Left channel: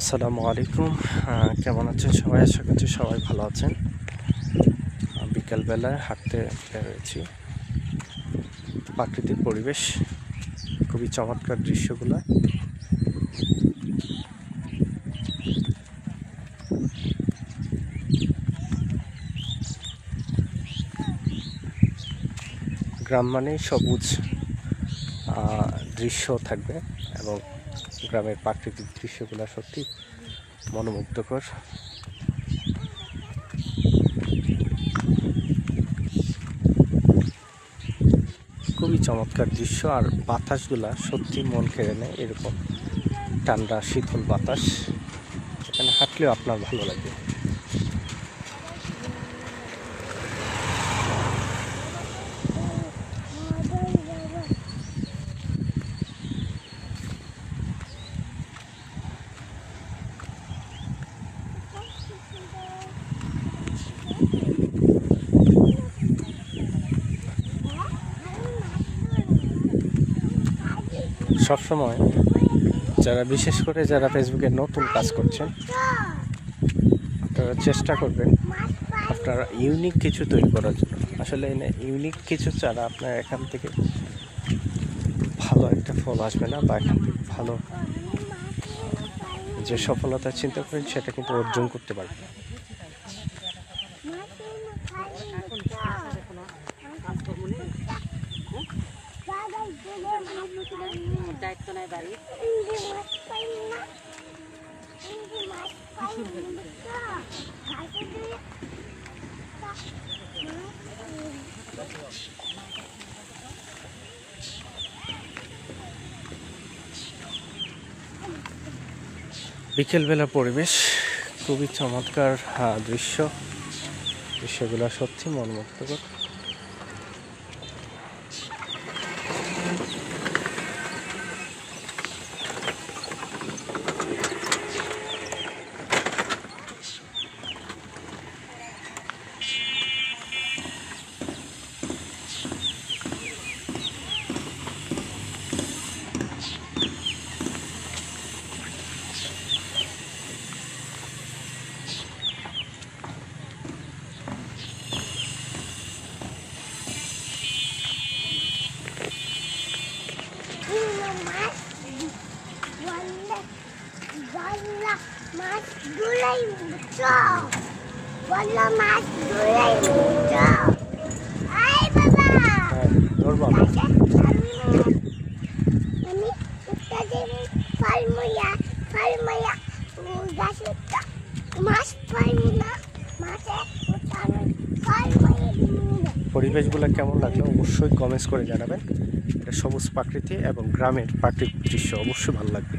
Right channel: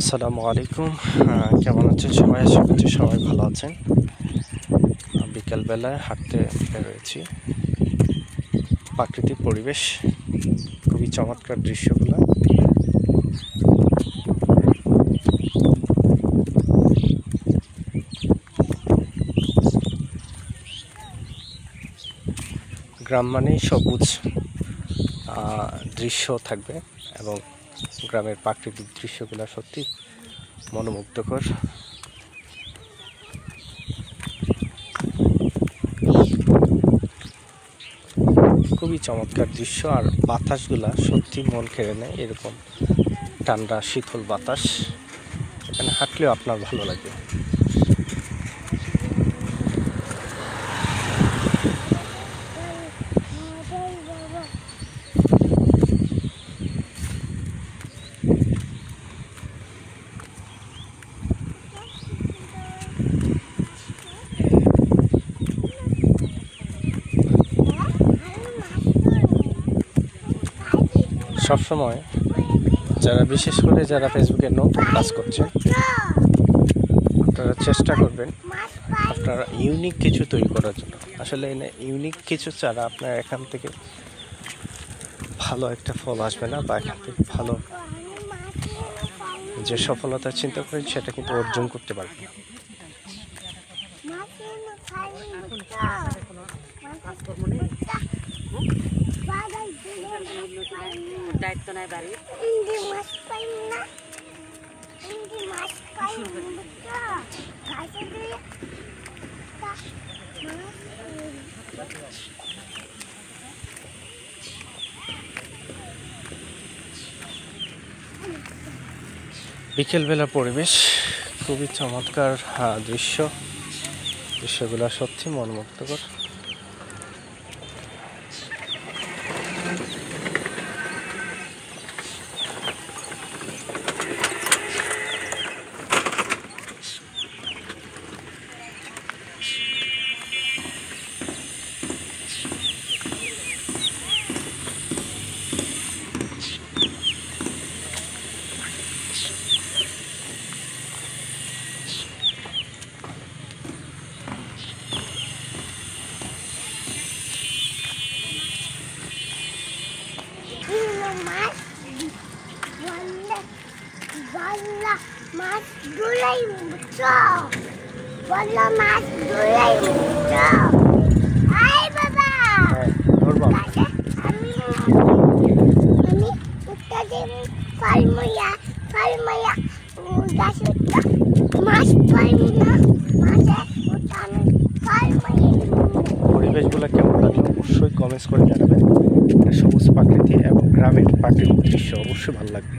আসসালামু আলাইকুম। কেমন আছেন সবাই? আশা করছি সবাই ভালো আছেন। বিকালবেলায় হাঁটতে বেরোয়েছি। প্রাকৃতিক পরিবেশ, খুবই চমৎকার দৃশ্যগুলো। গ্রাম মানেই সবুজ দৃশ্য থাকবে এবং গ্রামের প্রাকৃতিক দৃশ্যগুলো সত্যি মনোমুগ্ধকর। খুবই চমৎকার দৃশ্য, আর বাতাসগুলা সত্যি মন কেড়ে নেয়। এরকম ঠান্ডা শীতল বাতাস, এখানে হাঁটলেও আপনার ভালো লাগবে। সবসময় বিশেষ করে যারা ফেসবুকে নতুন কাজ করছেন, আপনারা চেষ্টা করবেন আপনারা ইউনিক কিছু তৈরি করার জন্য। আসলে ইউনিক কিছু ছাড়া আপনার এখান থেকে ভালো একটা ফল আসবে না, বা এখান থেকে ভালো যে সফলতা চিন্তা করেন সেটা কিন্তু অর্জন করতে পারবেন না। দায়িত্ব নাই বাড়ি বিকেলবেলা পরিবেশ খুবই চমৎকার দৃশ্যগুলো সত্যি মনোমুগ্ধকর। পরিবেশগুলো কেমন লাগলো অবশ্যই কমেন্টস করে জানাবেন। সবুজ প্রাকৃতি এবং গ্রামের প্রাকৃতিক দৃশ্য অবশ্যই ভালো লাগবে।